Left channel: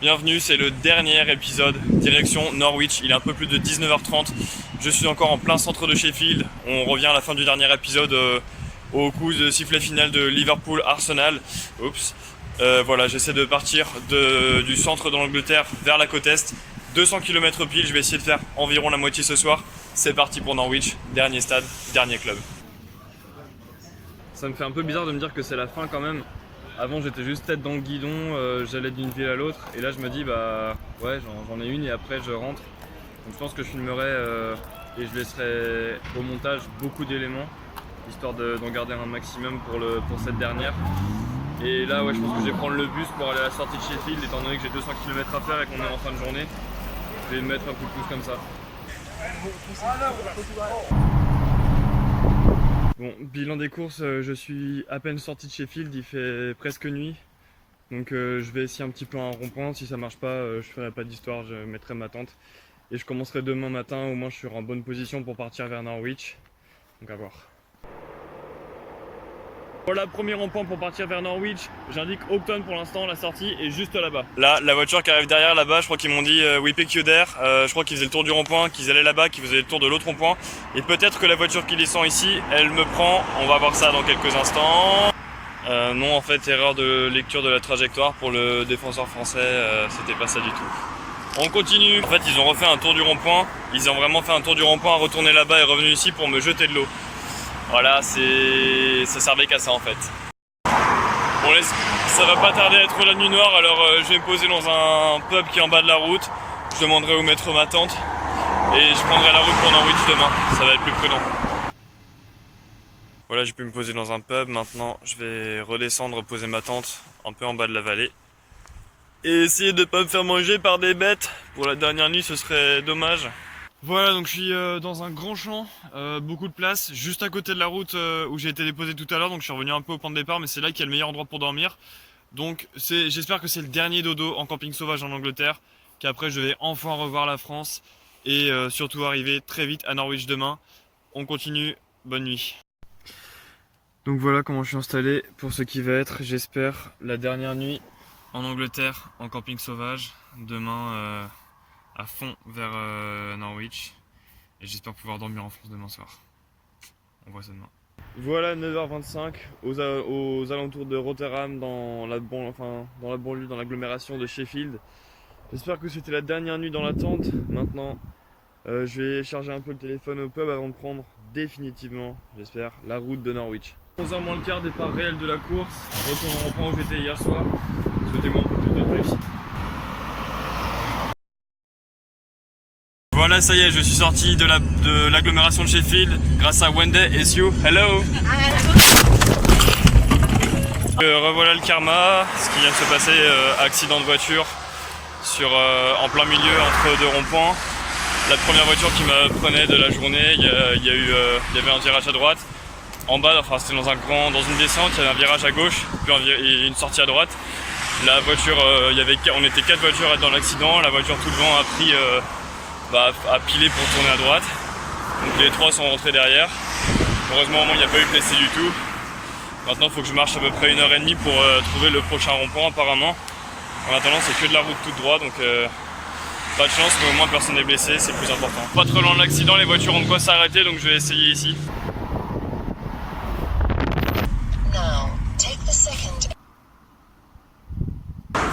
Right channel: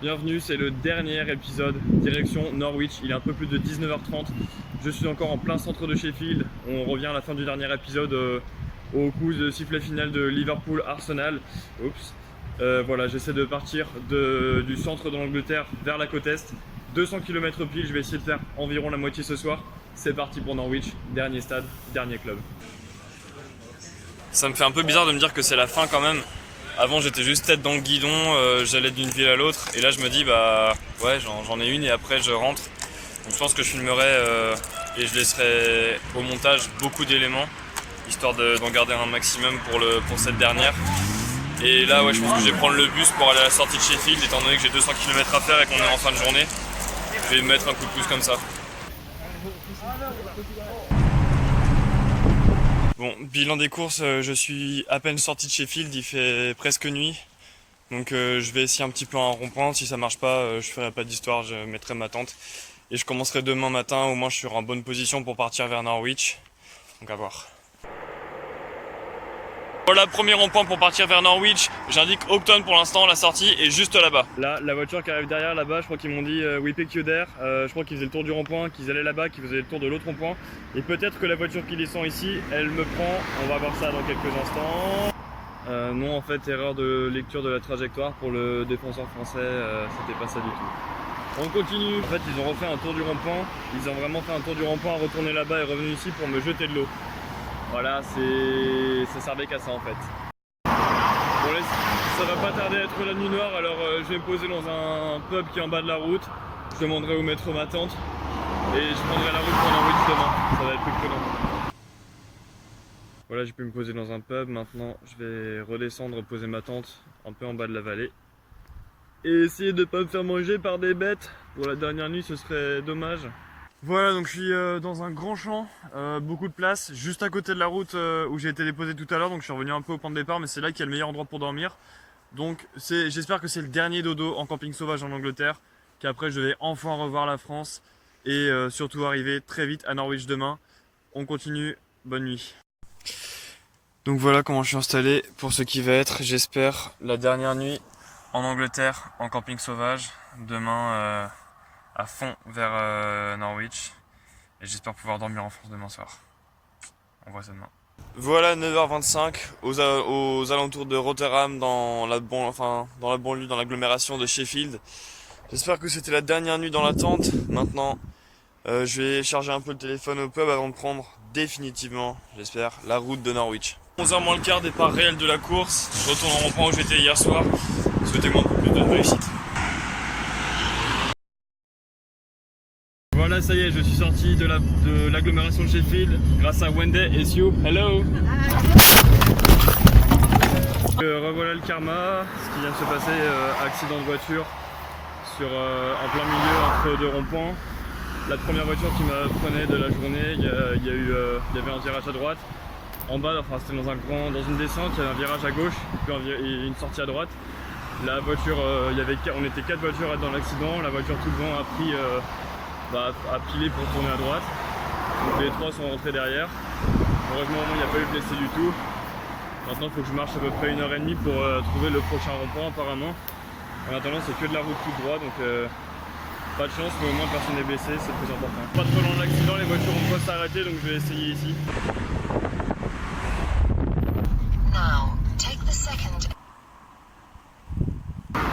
Bienvenue, c'est le dernier épisode, direction Norwich, il est un peu plus de 19h30. Je suis encore en plein centre de Sheffield, on revient à la fin du dernier épisode au coup de sifflet final de Liverpool-Arsenal. Oups. Voilà, j'essaie de partir du centre de l'Angleterre vers la côte Est. 200 km pile, je vais essayer de faire environ la moitié ce soir. C'est parti pour Norwich, dernier stade, dernier club. Ça me fait un peu bizarre de me dire que c'est la fin quand même. Avant j'étais juste tête dans le guidon, j'allais d'une ville à l'autre et là je me dis bah ouais j'en ai une et après je rentre. Donc je pense que je filmerai et je laisserai au montage beaucoup d'éléments histoire d'en garder un maximum pour cette dernière. Et là ouais je pense que je vais prendre le bus pour aller à la sortie de Sheffield étant donné que j'ai 200 km à faire et qu'on est en fin de journée. Je vais mettre un coup de pouce comme ça. Bon, bilan des courses, je suis à peine sorti de Sheffield, il fait presque nuit. Donc je vais essayer un petit peu un rond-point, si ça marche pas, je ferai pas d'histoire, je mettrai ma tente. Et je commencerai demain matin, au moins je serai en bonne position pour partir vers Norwich. Donc à voir. Voilà, premier rond-point pour partir vers Norwich. J'indique Houghton pour l'instant, la sortie est juste là-bas. Là, la voiture qui arrive derrière là-bas, je crois qu'ils m'ont dit we pick you there. Je crois qu'ils faisaient le tour du rond-point, qu'ils allaient là-bas, qu'ils faisaient le tour de l'autre rond-point. Et peut-être que la voiture qui descend ici, elle me prend. On va voir ça dans quelques instants. Non, en fait, erreur de lecture de la trajectoire pour le défenseur français, c'était pas ça du tout. On continue. En fait, ils ont refait un tour du rond-point. Ils ont vraiment fait un tour du rond-point, retourné là-bas et revenu ici pour me jeter de l'eau. Voilà, ça servait qu'à ça en fait. Bon, ça va pas tarder à être la nuit noire, alors je vais me poser dans un pub qui est en bas de la route. Je demanderai où mettre ma tente et je prendrai la route pour Norwich demain. Ça va être plus prudent. Voilà, j'ai pu me poser dans un pub. Maintenant, je vais redescendre, poser ma tente un peu en bas de la vallée. Et essayer de pas me faire manger par des bêtes. Pour la dernière nuit, ce serait dommage. Voilà, donc je suis dans un grand champ, beaucoup de place, juste à côté de la route où j'ai été déposé tout à l'heure, donc je suis revenu un peu au point de départ, mais c'est là qu'il y a le meilleur endroit pour dormir. Donc j'espère que c'est le dernier dodo en camping sauvage en Angleterre, qu'après je vais enfin revoir la France et surtout arriver très vite à Norwich demain. On continue, bonne nuit. Donc voilà comment je suis installé pour ce qui va être, j'espère, la dernière nuit en Angleterre en camping sauvage. Demain à fond vers Norwich et j'espère pouvoir dormir en France demain soir. On voit ça demain. Voilà 9h25 aux alentours de Rotherham dans la banlieue, dans l'agglomération de Sheffield. J'espère que c'était la dernière nuit dans la tente. Maintenant je vais charger un peu le téléphone au pub avant de prendre définitivement, j'espère, la route de Norwich. 11h moins le quart, départ réel de la course. Je retourne au rond-point où j'étais hier soir. Souhaitez-moi un peu plus de réussite. Voilà, ça y est, je suis sorti de l'agglomération de Sheffield grâce à Wendy et Sue. Hello. Revoilà le karma, ce qui vient de se passer, accident de voiture en plein milieu entre deux ronds-points. La première voiture qui me prenait de la journée, il y avait un virage à droite. En bas, enfin c'était dans une descente, il y avait un virage à gauche, puis et une sortie à droite. La voiture, on était 4 voitures dans l'accident, la voiture tout devant a pris à piler pour tourner à droite. Donc les 3 sont rentrés derrière. Heureusement au moins il n'y a pas eu de blessé du tout. Maintenant il faut que je marche à peu près 1h30 pour trouver le prochain rond-point apparemment. En attendant c'est que de la route toute droite donc pas de chance mais au moins personne n'est blessé, c'est le plus important. Pas trop loin de l'accident, les voitures ont de quoi s'arrêter donc je vais essayer ici.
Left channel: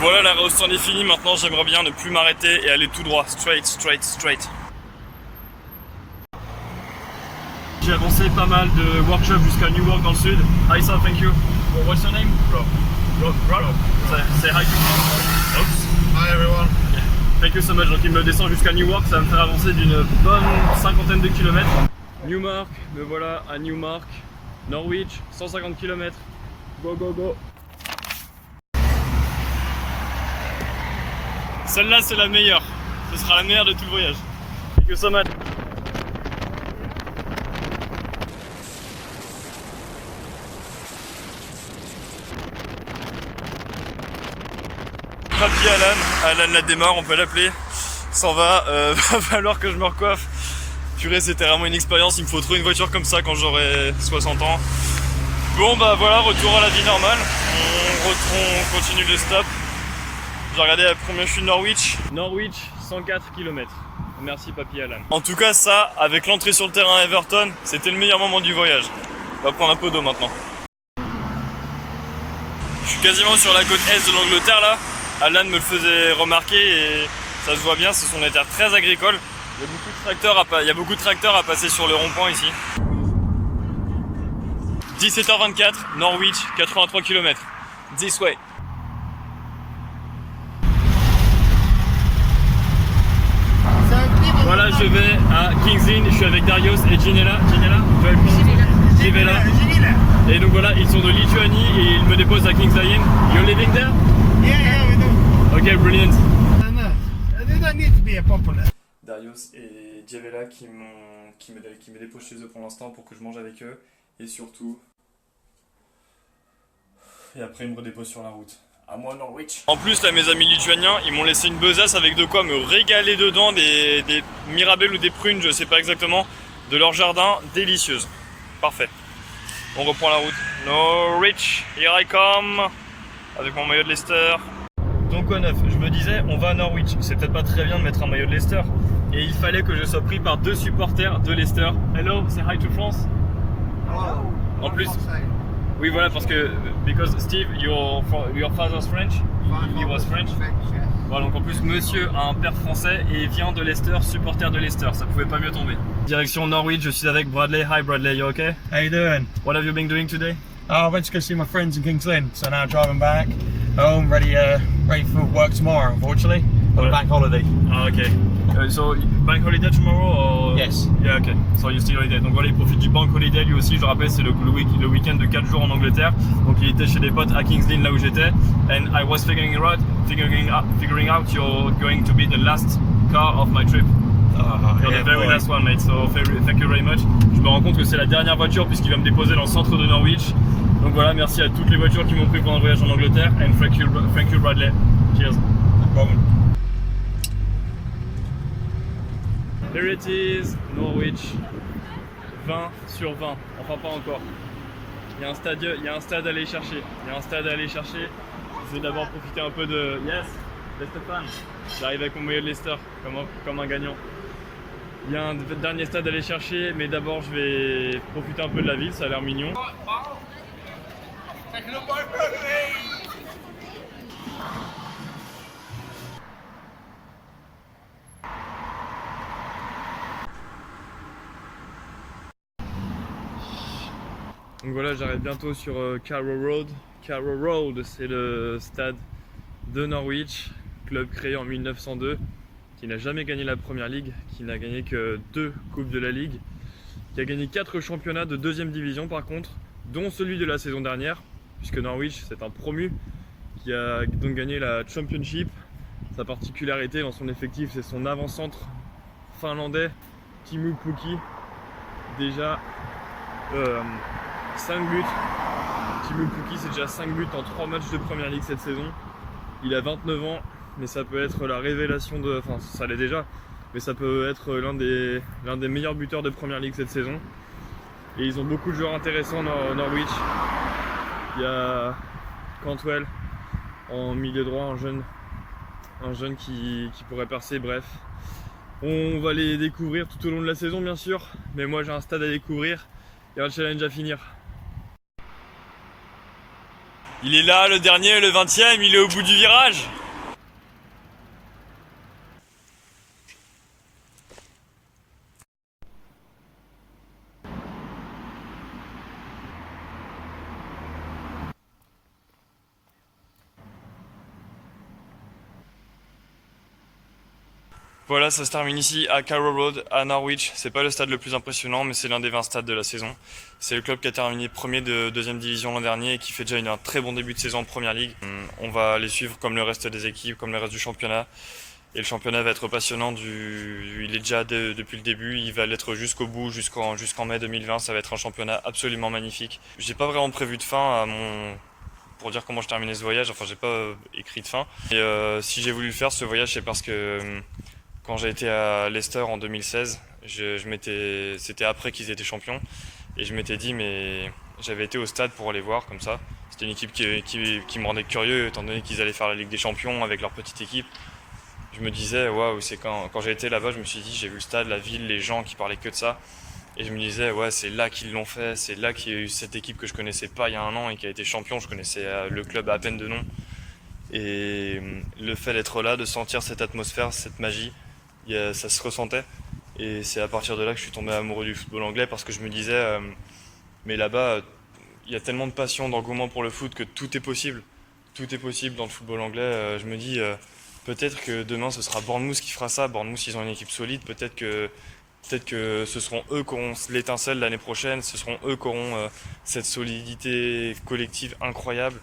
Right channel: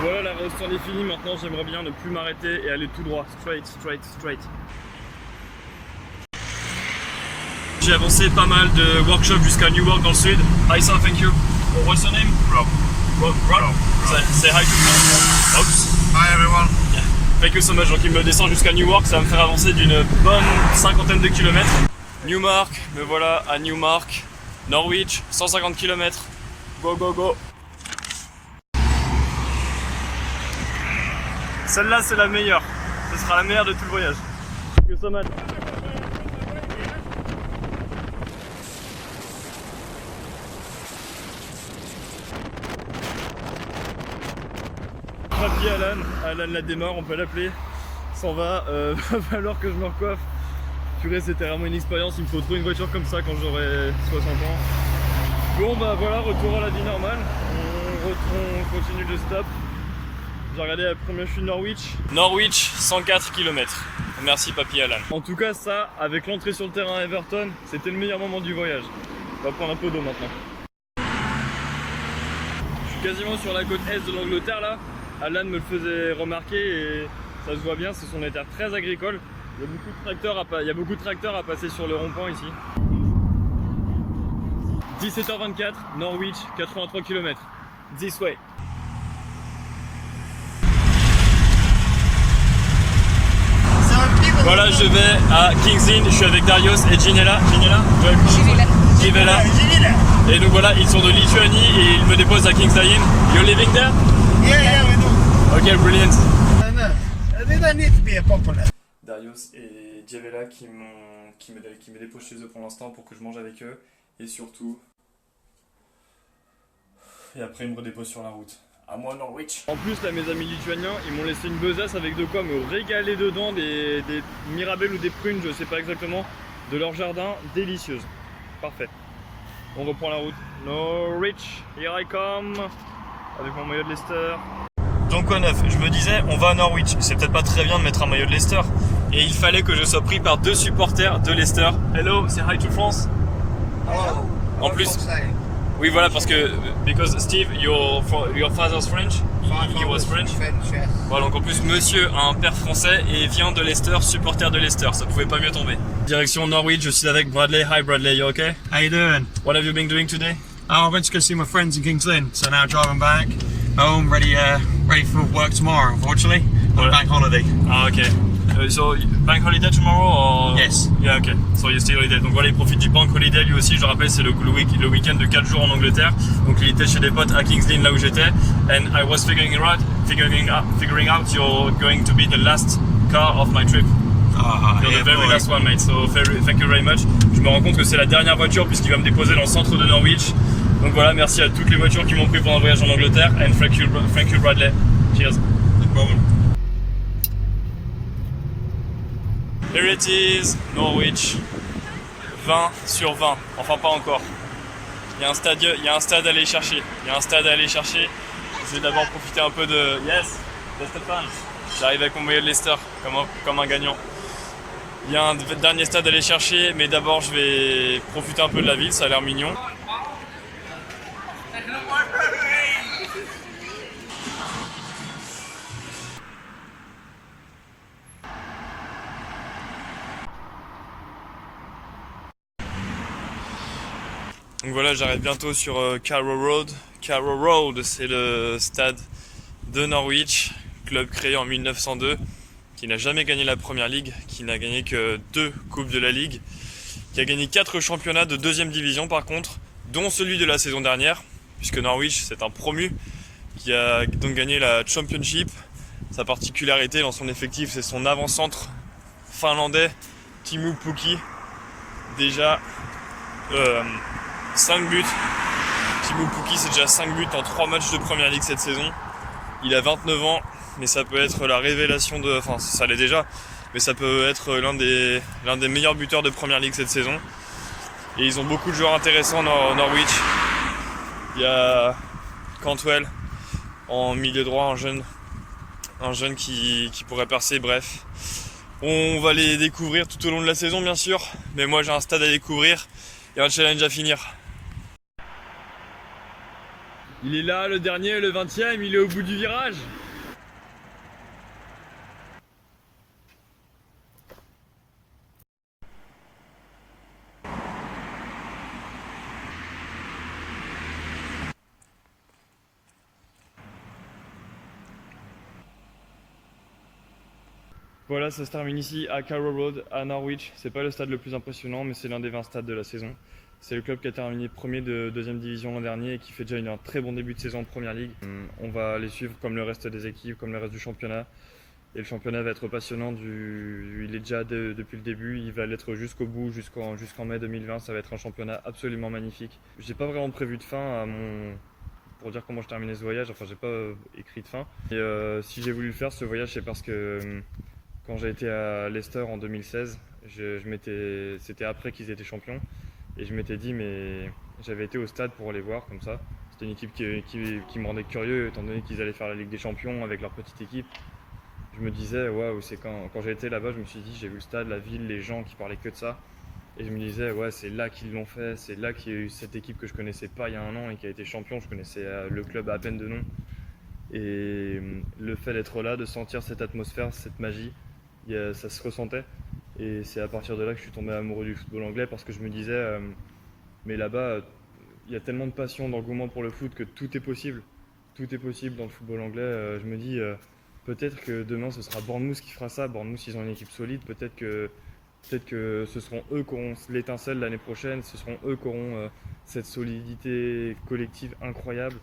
Voilà, la route est finie, maintenant j'aimerais bien ne plus m'arrêter et aller tout droit, straight. J'ai avancé pas mal de workshops jusqu'à Newark dans le sud. Hi sir, thank you. What's your name? Rob. Rob. Say hi to me. Oops. Hi everyone. Yeah. Thank you so much. Donc il me descend jusqu'à Newark, ça va me faire avancer d'une bonne cinquantaine de kilomètres. Newmark, me voilà à Newmark. Norwich, 150 km. Go. Celle-là c'est la meilleure, ce sera la meilleure de tout le voyage. Thank you so much. Ravi Alan la démarre, on peut l'appeler, s'en va, va falloir que je me recoiffe. Purée, c'était vraiment une expérience, il me faut trouver une voiture comme ça quand j'aurai 60 ans. Bon bah voilà, retour à la vie normale, on continue le stop. J'ai regardé la première chute de Norwich. Norwich, 104 km. Merci Papy Alan. En tout cas, ça, avec l'entrée sur le terrain à Everton, c'était le meilleur moment du voyage. On va prendre un peu d'eau maintenant. Je suis quasiment sur la côte est de l'Angleterre là. Alan me le faisait remarquer et ça se voit bien, ce sont des terres très agricoles. Il y a beaucoup de tracteurs à passer sur le rond-point ici. 17h24, Norwich, 83 km. This way. Voilà, je vais à King's Lynn, je suis avec Darius et Ginella. Givela. Et donc voilà, ils sont de Lituanie et ils me déposent à King's Lynn. You're living there? Yeah, we do. Ok, brilliant. No, they don't need to be popular. Darius et Givela qui me déposent chez eux pour l'instant pour que je mange avec eux. Et surtout... Et après ils me redéposent sur la route. À moi Norwich. En plus là mes amis lituaniens ils m'ont laissé une besace avec de quoi me régaler dedans, des mirabelles ou des prunes, je sais pas exactement, de leur jardin, délicieuses. Parfait. On reprend la route. Norwich, here I come. Avec mon maillot de Leicester. Donc quoi neuf, je me disais on va à Norwich, c'est peut-être pas très bien de mettre un maillot de Leicester. Et il fallait que je sois pris par deux supporters de Leicester. Hello, say hi to France. Hello. En plus... Oui voilà parce que because Steve, your father's French, he was French. Yes. Voilà donc en plus monsieur a un père français et vient de Leicester, supporter de Leicester, ça pouvait pas mieux tomber. Direction Norwich, je suis avec Bradley. Hi Bradley, you okay? How you doing? What have you been doing today? Oh, I went to go see my friends in King's Lynn, so now driving back home, ready for work tomorrow. Unfortunately, on a bank holiday. Ah ok. So bank holiday tomorrow or... Yes. Yeah ok. So you still holiday. Donc voilà il profite du bank holiday lui aussi. Je le rappelle c'est le week-end de 4 jours en Angleterre. Donc il était chez des potes à King's Lynn là où j'étais. And I was figuring out you're going to be the last car of my trip. You're Yeah, the very boy. last one mate. So thank you very much. Je me rends compte que c'est la dernière voiture puisqu'il va me déposer dans le centre de Norwich. Donc voilà merci à toutes les voitures qui m'ont pris pendant le voyage en Angleterre. And thank you Bradley. Cheers. No problem. Here it is, Norwich, 20 sur 20, enfin pas encore. Il y a un stade à aller chercher, Je vais d'abord profiter un peu de... Yes, Leicester fan. J'arrive avec mon maillot de Leicester, comme un gagnant. Il y a un dernier stade à aller chercher, mais d'abord je vais profiter un peu de la ville, ça a l'air mignon. Donc voilà, j'arrive bientôt sur Carrow Road. Carrow Road, c'est le stade de Norwich, club créé en 1902, qui n'a jamais gagné la Première Ligue, qui n'a gagné que 2 Coupes de la Ligue, qui a gagné 4 championnats de 2e division par contre, dont celui de la saison dernière, puisque Norwich c'est un promu, qui a donc gagné la Championship. Sa particularité dans son effectif, c'est son avant-centre finlandais, Teemu Pukki, déjà 5 buts. Teemu Pukki c'est déjà 5 buts en 3 matchs de Première Ligue cette saison. Il a 29 ans, mais ça peut être la révélation de... Enfin ça l'est déjà, mais ça peut être l'un des meilleurs buteurs de Première Ligue cette saison. Et ils ont beaucoup de joueurs intéressants dans Norwich. Il y a Cantwell en milieu droit, un jeune qui pourrait percer, bref. On va les découvrir tout au long de la saison bien sûr, mais moi j'ai un stade à découvrir et un challenge à finir. Il est là, le dernier, le 20e, il est au bout du virage. Voilà, ça se termine ici à Carrow Road, à Norwich. C'est pas le stade le plus impressionnant, mais c'est l'un des 20 stades de la saison. C'est le club qui a terminé premier de 2e division l'an dernier et qui fait déjà un très bon début de saison en Première Ligue. On va les suivre comme le reste des équipes, comme le reste du championnat. Et le championnat va être passionnant. Il est déjà depuis le début, il va l'être jusqu'au bout, jusqu'en mai 2020. Ça va être un championnat absolument magnifique. J'ai pas vraiment prévu de fin pour dire comment je terminais ce voyage. Enfin, j'ai pas écrit de fin. Et si j'ai voulu le faire, ce voyage, c'est parce que quand j'ai été à Leicester en 2016, c'était après qu'ils étaient champions, et je m'étais dit, mais j'avais été au stade pour aller voir comme ça, C'était une équipe qui me rendait curieux, étant donné qu'ils allaient faire la Ligue des Champions avec leur petite équipe. Je me disais, waouh, c'est quand j'ai été là-bas, je me suis dit, j'ai vu le stade, la ville, les gens qui parlaient que de ça. Et je me disais, ouais, c'est là qu'ils l'ont fait, c'est là qu'il y a eu cette équipe que je connaissais pas il y a un an et qui a été champion. Je connaissais le club à peine de nom. Et le fait d'être là, de sentir cette atmosphère, cette magie, ça se ressentait. Et c'est à partir de là que je suis tombé amoureux du football anglais parce que je me disais, mais là-bas, il y a tellement de passion, d'engouement pour le foot que tout est possible. Tout est possible dans le football anglais. Je me dis, peut-être que demain ce sera Bournemouth qui fera ça. Bournemouth, ils ont une équipe solide. Peut-être que ce seront eux qui auront l'étincelle l'année prochaine. Ce seront eux qui auront cette solidité collective incroyable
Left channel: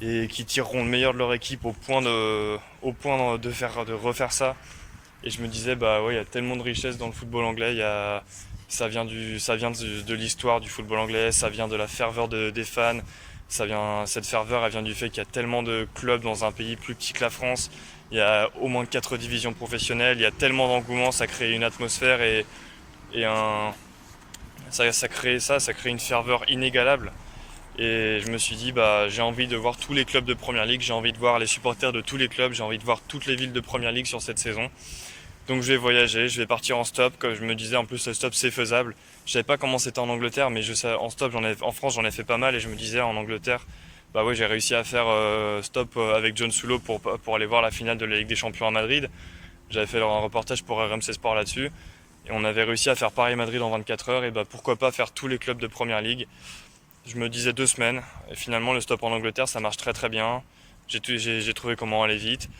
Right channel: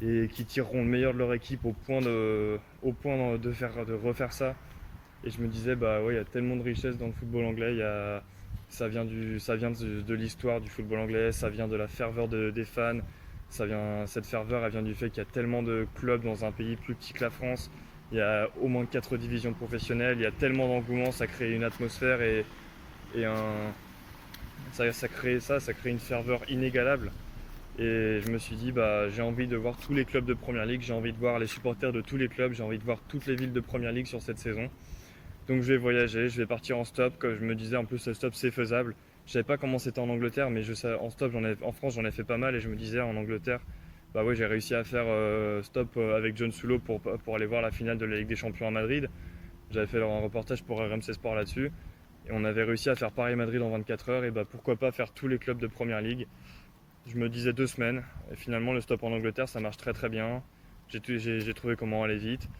et qui tireront le meilleur de leur équipe au point de refaire ça. Et je me disais, bah ouais, il y a tellement de richesse dans le football anglais. Ça vient de l'histoire du football anglais, ça vient de la ferveur des fans. Cette ferveur, elle vient du fait qu'il y a tellement de clubs dans un pays plus petit que la France. Il y a au moins 4 divisions professionnelles, il y a tellement d'engouement, ça crée une atmosphère ça crée une ferveur inégalable. Et je me suis dit, bah, j'ai envie de voir tous les clubs de Première Ligue, j'ai envie de voir les supporters de tous les clubs, j'ai envie de voir toutes les villes de Première Ligue sur cette saison. Donc je vais voyager, je vais partir en stop, comme je me disais, en plus le stop c'est faisable. Je savais pas comment c'était en Angleterre, mais en stop, en France j'en ai fait pas mal et je me disais en Angleterre, bah ouais, j'ai réussi à faire stop avec John Soulo pour aller voir la finale de la Ligue des Champions à Madrid. J'avais fait un reportage pour RMC Sport là-dessus et on avait réussi à faire Paris-Madrid en 24 heures et bah pourquoi pas faire tous les clubs de Première Ligue. Je me disais 2 semaines et finalement le stop en Angleterre ça marche très très bien. J'ai trouvé comment aller vite.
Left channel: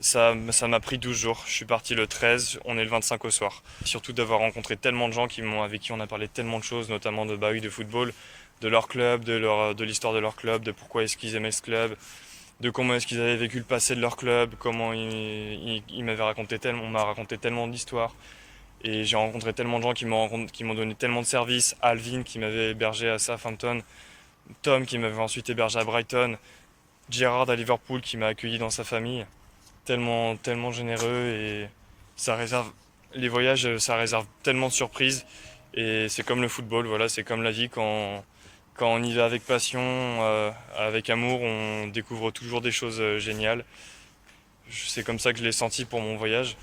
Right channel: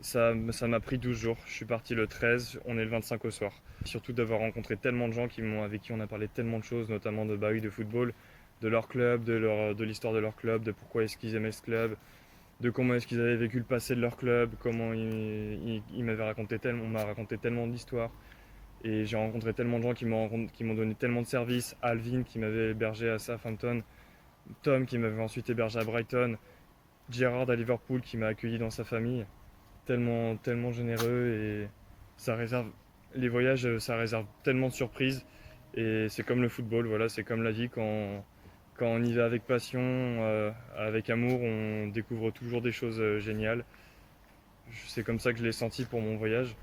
Ça m'a pris 12 jours. Je suis parti le 13, on est le 25 au soir. Surtout d'avoir rencontré tellement de gens avec qui on a parlé tellement de choses, notamment de football, de leur club, de l'histoire de leur club, de pourquoi est-ce qu'ils aimaient ce club, de comment est-ce qu'ils avaient vécu le passé de leur club, comment on m'a raconté tellement d'histoires. Et j'ai rencontré tellement de gens qui m'ont donné tellement de services. Alvin qui m'avait hébergé à Southampton, Tom qui m'avait ensuite hébergé à Brighton, Gerrard à Liverpool qui m'a accueilli dans sa famille. Tellement généreux et les voyages ça réserve tellement de surprises et c'est comme le football, voilà, c'est comme la vie quand on y va avec passion, avec amour, on découvre toujours des choses géniales. C'est comme ça que je l'ai senti pour mon voyage.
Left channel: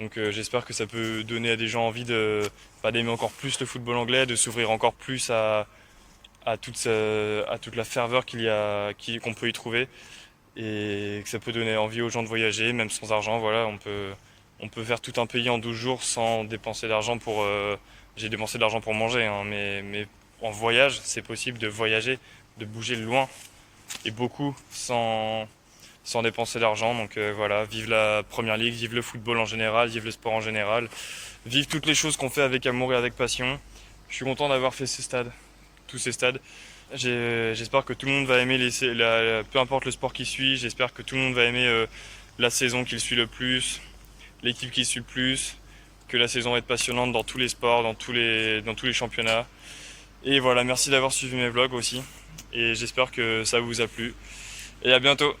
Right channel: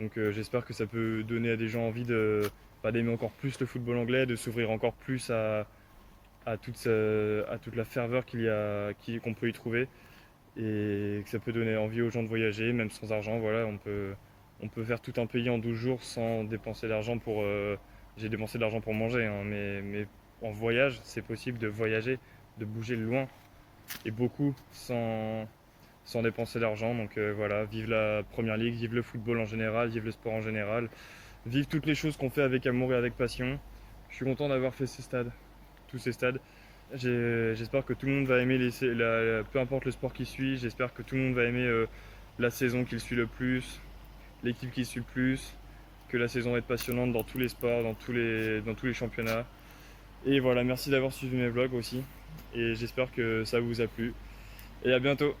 Donc j'espère que ça peut donner à des gens envie d'aimer encore plus le football anglais, de s'ouvrir encore plus à toute la ferveur qu'on peut y trouver. Et que ça peut donner envie aux gens de voyager, même sans argent. Voilà, on peut faire tout un pays en 12 jours sans dépenser d'argent j'ai dépensé de l'argent pour manger, hein, mais en voyage, c'est possible de voyager, de bouger loin et beaucoup sans dépenser d'argent. Donc voilà, vive la Première Ligue, vive le football en général, vive le sport en général, vive toutes les choses qu'on fait avec amour et avec passion. Je suis content d'avoir fait tous ces stades. J'espère que tout le monde va aimer peu importe le sport qu'il suit, j'espère que tout le monde va aimer la saison qu'il suit le plus, l'équipe qu'il suit le plus, que la saison va être passionnante dans tous les sports, dans tous les championnats. Et voilà, merci d'avoir suivi mes vlogs aussi et j'espère que ça vous a plu et à bientôt.